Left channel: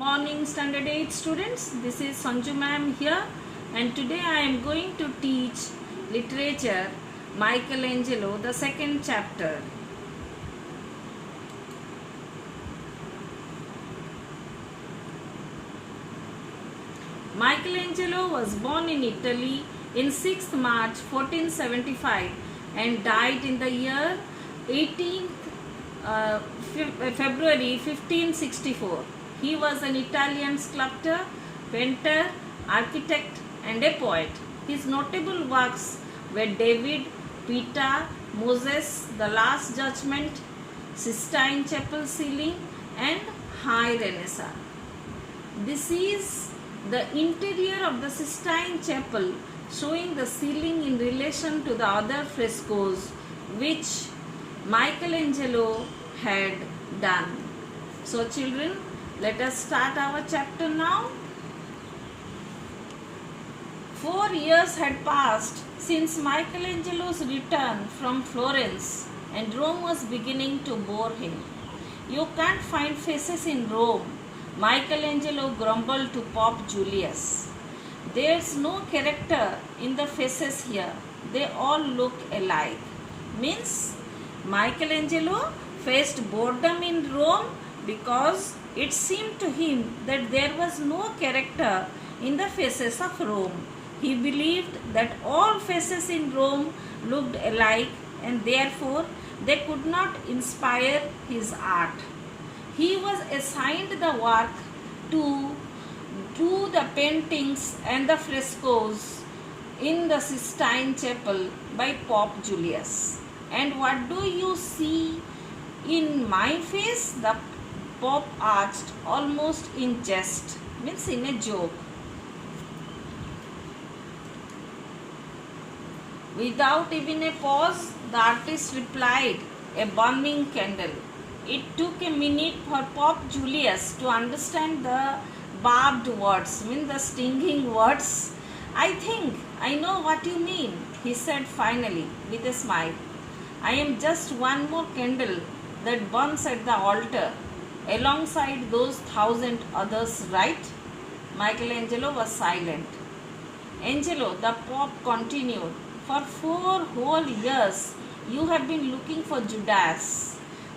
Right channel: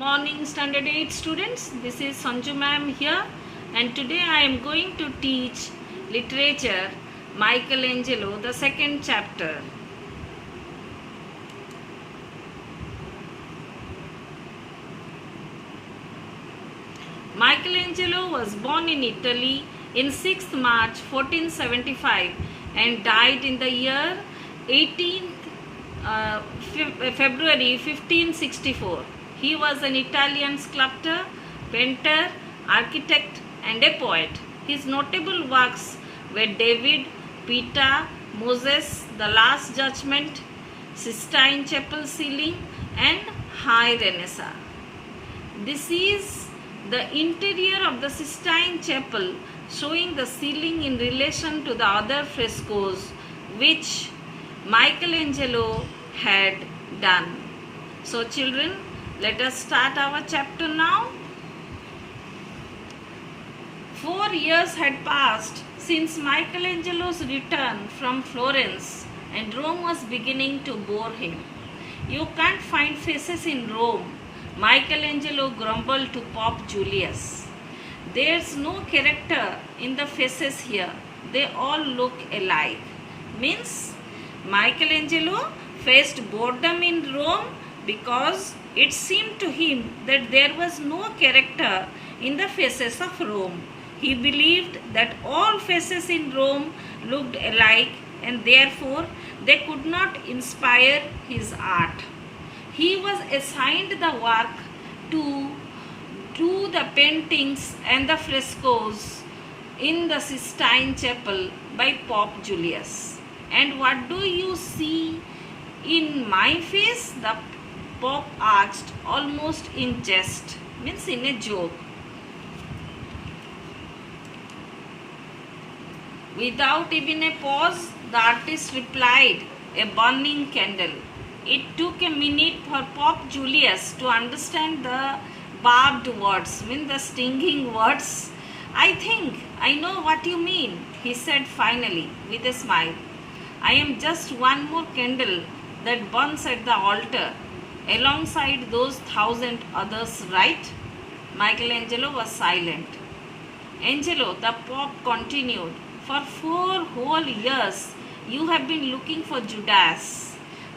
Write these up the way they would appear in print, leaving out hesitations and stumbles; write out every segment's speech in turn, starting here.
Morning Standard 8 students, this is Sanju ma'am here, and today I am going to teach literature Michelangelo, the second chapter. Michelangelo was born in Italy in 6th March 1475 and died in the year 18th February 1564. He was an Italian sculptor, painter, architect and a poet. His notable works were David, Peter, Moses, The Last Judgment, Sistine Chapel ceiling and High Renaissance. This is the interior of the Sistine Chapel, showing the ceiling in relation to the other frescoes which Michelangelo had done. So children, let us start our chapter now. 4 years had passed since Michelangelo's return from Florence, and Rome was beginning to bore him. "You can't find faces in Rome," Michelangelo grumbled to Pope Julius. "There's no character in the faces here. They all look alike." Means Michelangelo faced boredom in Rome because it seemed to him that there was no character in the faces of Rome. He believed that all faces in Rome looked alike and therefore they could not inspire his art. He was assigned the work to do the paintings and the frescoes in the Sistine Chapel by Pope Julius. "And what do you see in my face?" the Pope asked, almost in jest, means in a joke. Without even a pause, the artist replied, "A burning candle." It took a minute for Pope Julius to understand the barbed words, mean the stinging words. "I think I know what you mean," he said finally with a smile. "I am just one more candle that burns at the altar, alongside those 1,000 others, right?" Michelangelo was silent. "Angelo," the Pope continued, "for 4 whole years you have been looking for Judas."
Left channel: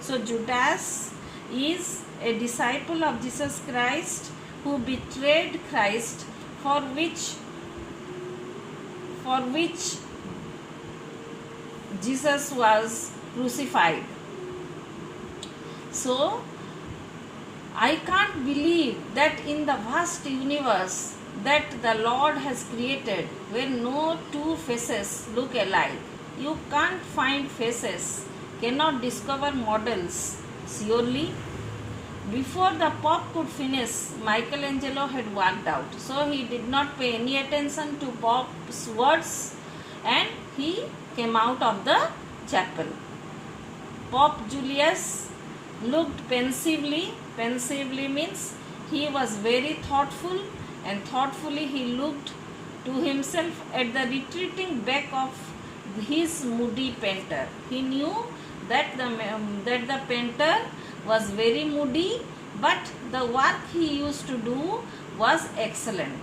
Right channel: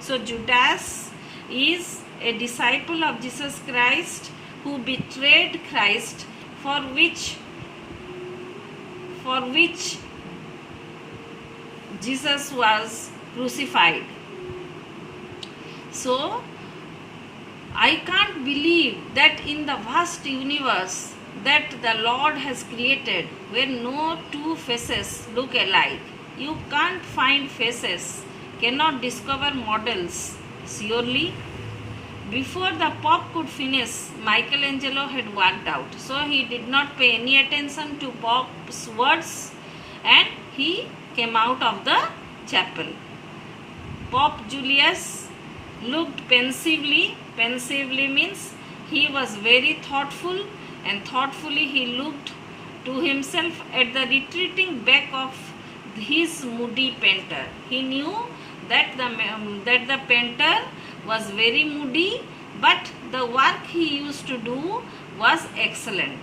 So Judas is a disciple of Jesus Christ who betrayed Christ, for which Jesus was crucified. So I can't believe that in the vast universe that the Lord has created, where no two faces look alike, you can't find faces, cannot discover models. Surely, before the Pope could finish, Michelangelo had walked out. So he did not pay any attention to Pope's words and he came out of the chapel. Pope Julius looked pensively. Pensively means he was very thoughtful, and thoughtfully he looked to himself at the retreating back of his moody painter. He knew that the painter was very moody, but the work he used to do was excellent.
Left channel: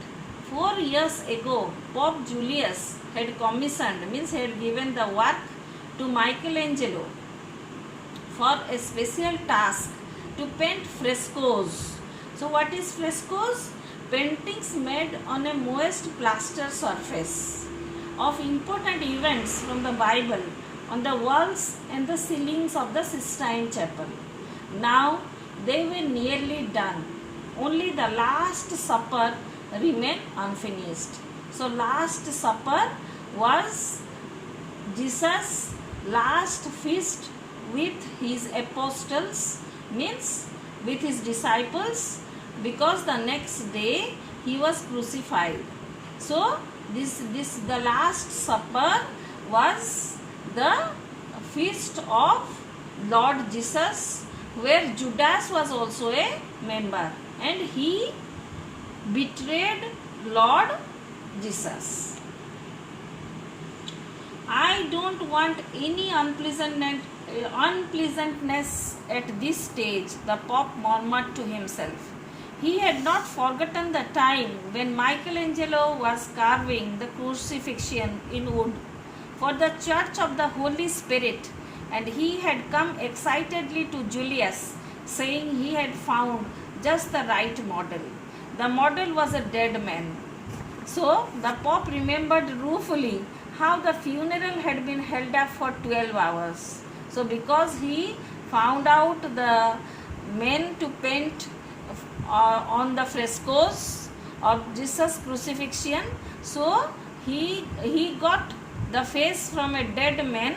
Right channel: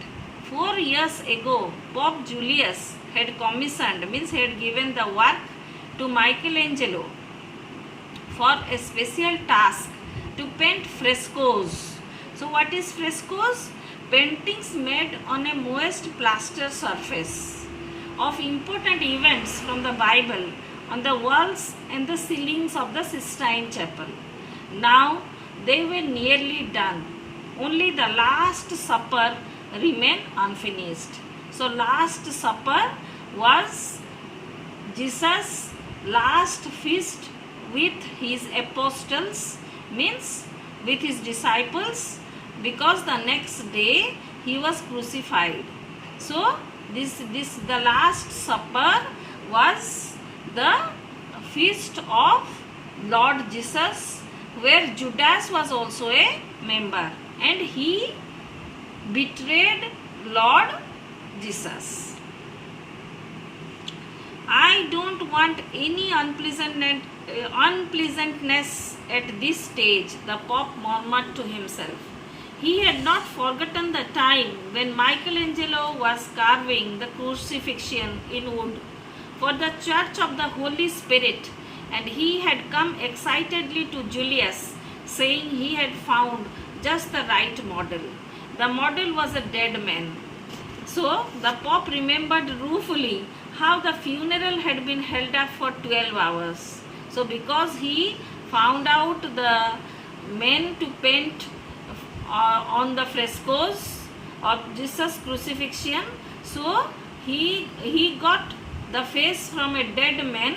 4 years ago, Pope Julius had commissioned, means he had given the work to Michelangelo for a special task to paint frescoes. So what is frescoes? Paintings made on a moist plaster surface of important events from the Bible on the walls and the ceilings of the Sistine Chapel. Now they were nearly done. Only the Last Supper remained unfinished. So Last Supper was Jesus' last feast with his apostles, means with his disciples, because the next day he was crucified. So the Last Supper was the feast of Lord Jesus, where Judas was also a member and he betrayed Lord Jesus. "I don't want any unpleasantness at this stage," the Pope murmured to himself. He had not forgotten the time when Michelangelo was carving the crucifixion in wood for the Church of the Holy Spirit, and he had come excitedly to Julius, saying he had found just the right model. The model was a dead man. So the Pope remembered ruefully how the funeral had been held up for 12 hours. So because he found out the men to paint on the frescoes of Jesus crucifixion, so he got the face from a dead man,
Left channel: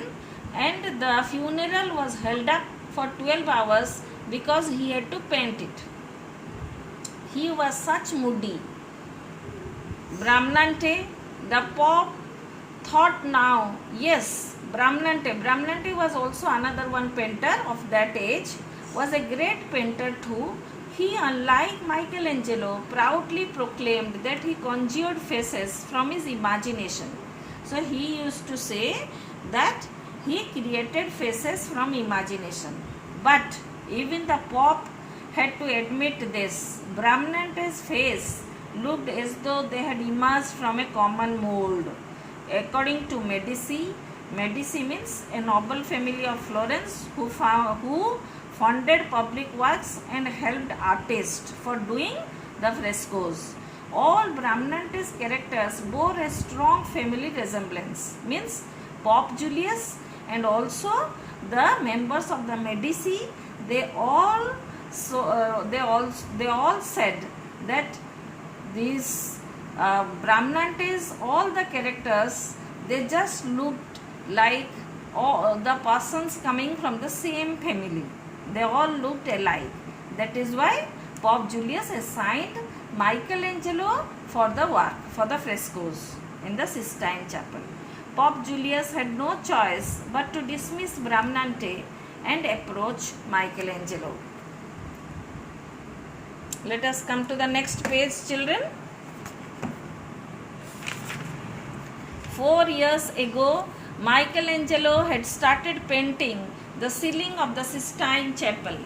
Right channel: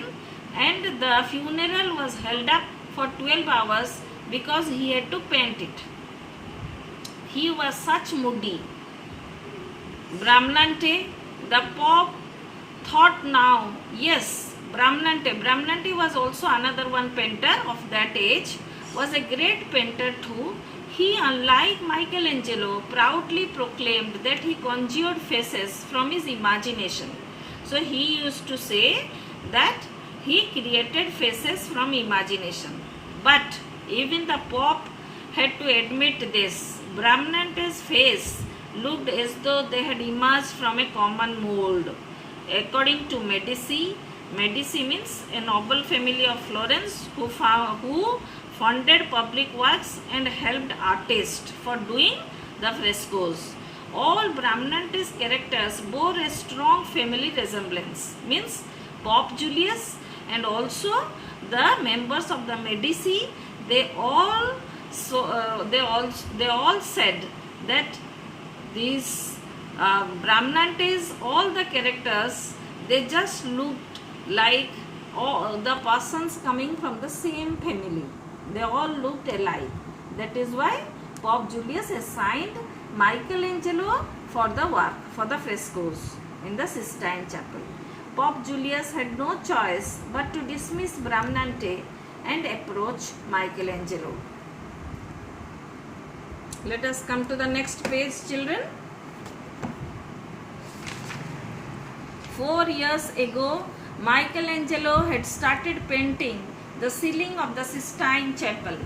and the funeral was held up for 12 hours because he had to paint it. He was such moody. Bramante, the Pope thought now, yes, Bramante was also another one painter of that age, was a great painter too. He, unlike Michelangelo, proudly proclaimed that he conjured faces from his imagination. So he used to say that he created faces from imagination. But even the Pope had to admit this. Bramante's face looked as though they had emerged from a common mold. According to Medici means a noble family of Florence who funded public works and helped artists for doing the frescoes. All Bramante's characters bore a strong family resemblance, means Pope Julius and also the members of the Medici. They all said that these Bramantes, all the characters, they just looked like all the persons coming from the same family. They all looked alike. That is why Pope Julius assigned Michelangelo for the work, for the frescoes in the Sistine Chapel. Pope Julius had no choice but to dismiss Bramante and approach Michelangelo. Let us come to the next page, children. 4 years ago, Michelangelo had started painting the ceiling of the Sistine Chapel.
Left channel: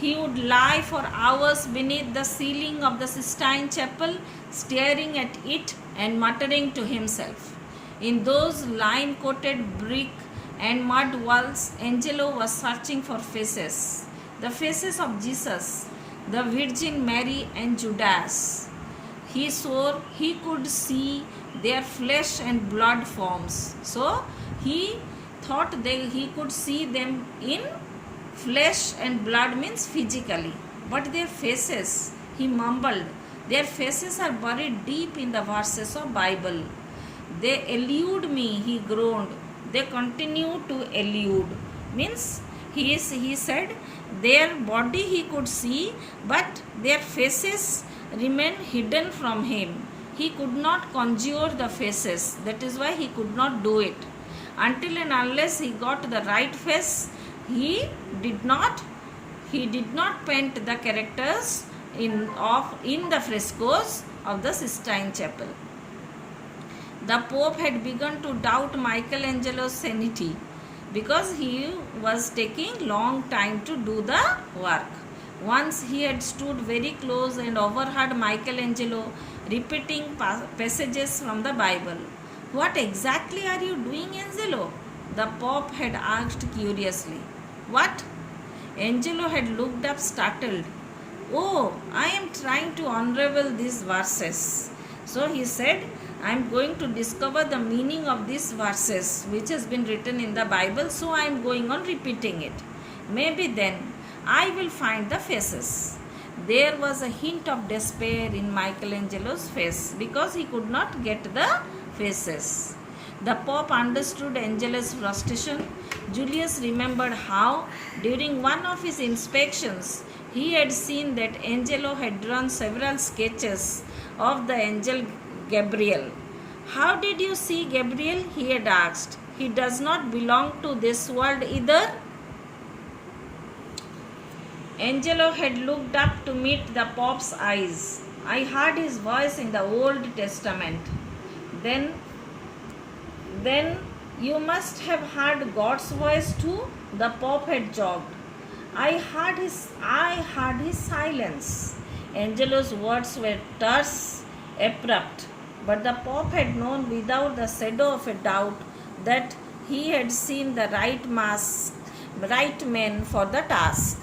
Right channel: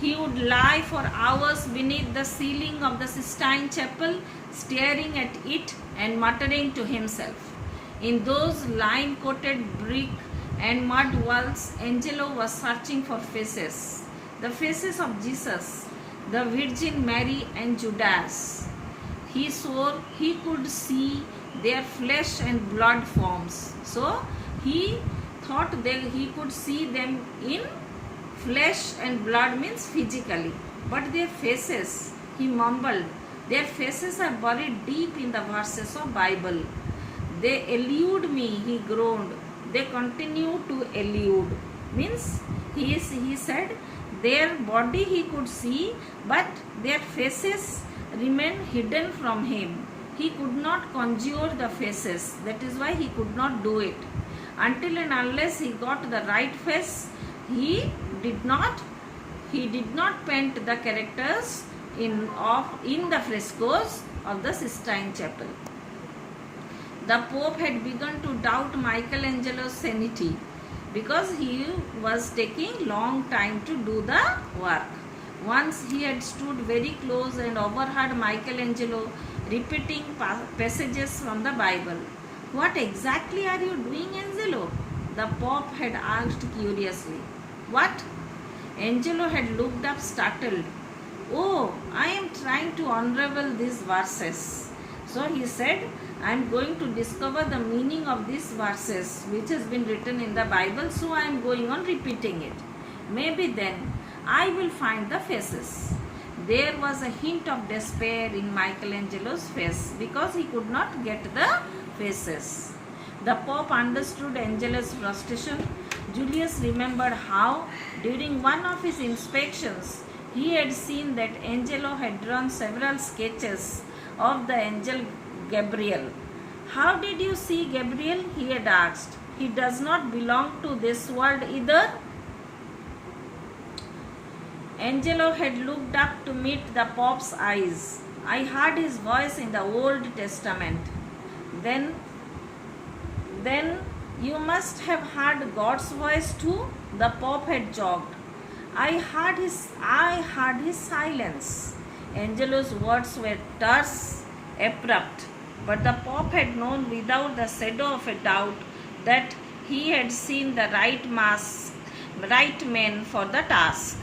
He would lie for hours beneath the ceiling of the Sistine Chapel, staring at it and muttering to himself. In those lime-coated brick and mud walls, Angelo was searching for faces. The faces of Jesus, the Virgin Mary and Judas. He swore he could see their flesh and blood forms. So he thought that he could see them in flesh and blood, means physically. But their faces, he mumbled, their faces are buried deep in the verses of Bible. They elude me, he groaned. They continue to elude. Means he said their body he could see, but their faces remained hidden from him. He could not conjure the faces. That is why he could not do it. Until and unless he got the right face, he did not paint the characters in the frescoes of the Sistine Chapel. The Pope had begun to doubt Michelangelo's sanity because he was taking long time to do the work. Once he had stood very close and overheard Michelangelo repeating passages from the Bible. What exactly are you doing, Angelo? The Pope had asked curiously. What? Angelo had looked up startled. Oh, I am trying to unravel these verses. So he said, I am going to discover the meaning of these verses which has been written in the Bible, so I am going on repeating it. Maybe then I will find the faces. There was a hint of despair in Michelangelo's face because he could not get the faces. The Pope understood Angelo's frustration. Julius remembered how, during one of his inspections, he had seen that Angelo had drawn several sketches of the angel Gabriel. How did you see Gabriel? He had asked. He does not belong to this world either. Angelo had looked up to meet the Pope's eyes. I heard his voice in the Old Testament. Then you must have heard God's voice too, the Pope had joked. I heard his silence. Angelo's words were terse, abrupt, but the Pope had known without the shadow of a doubt that he had seen the right man for the task.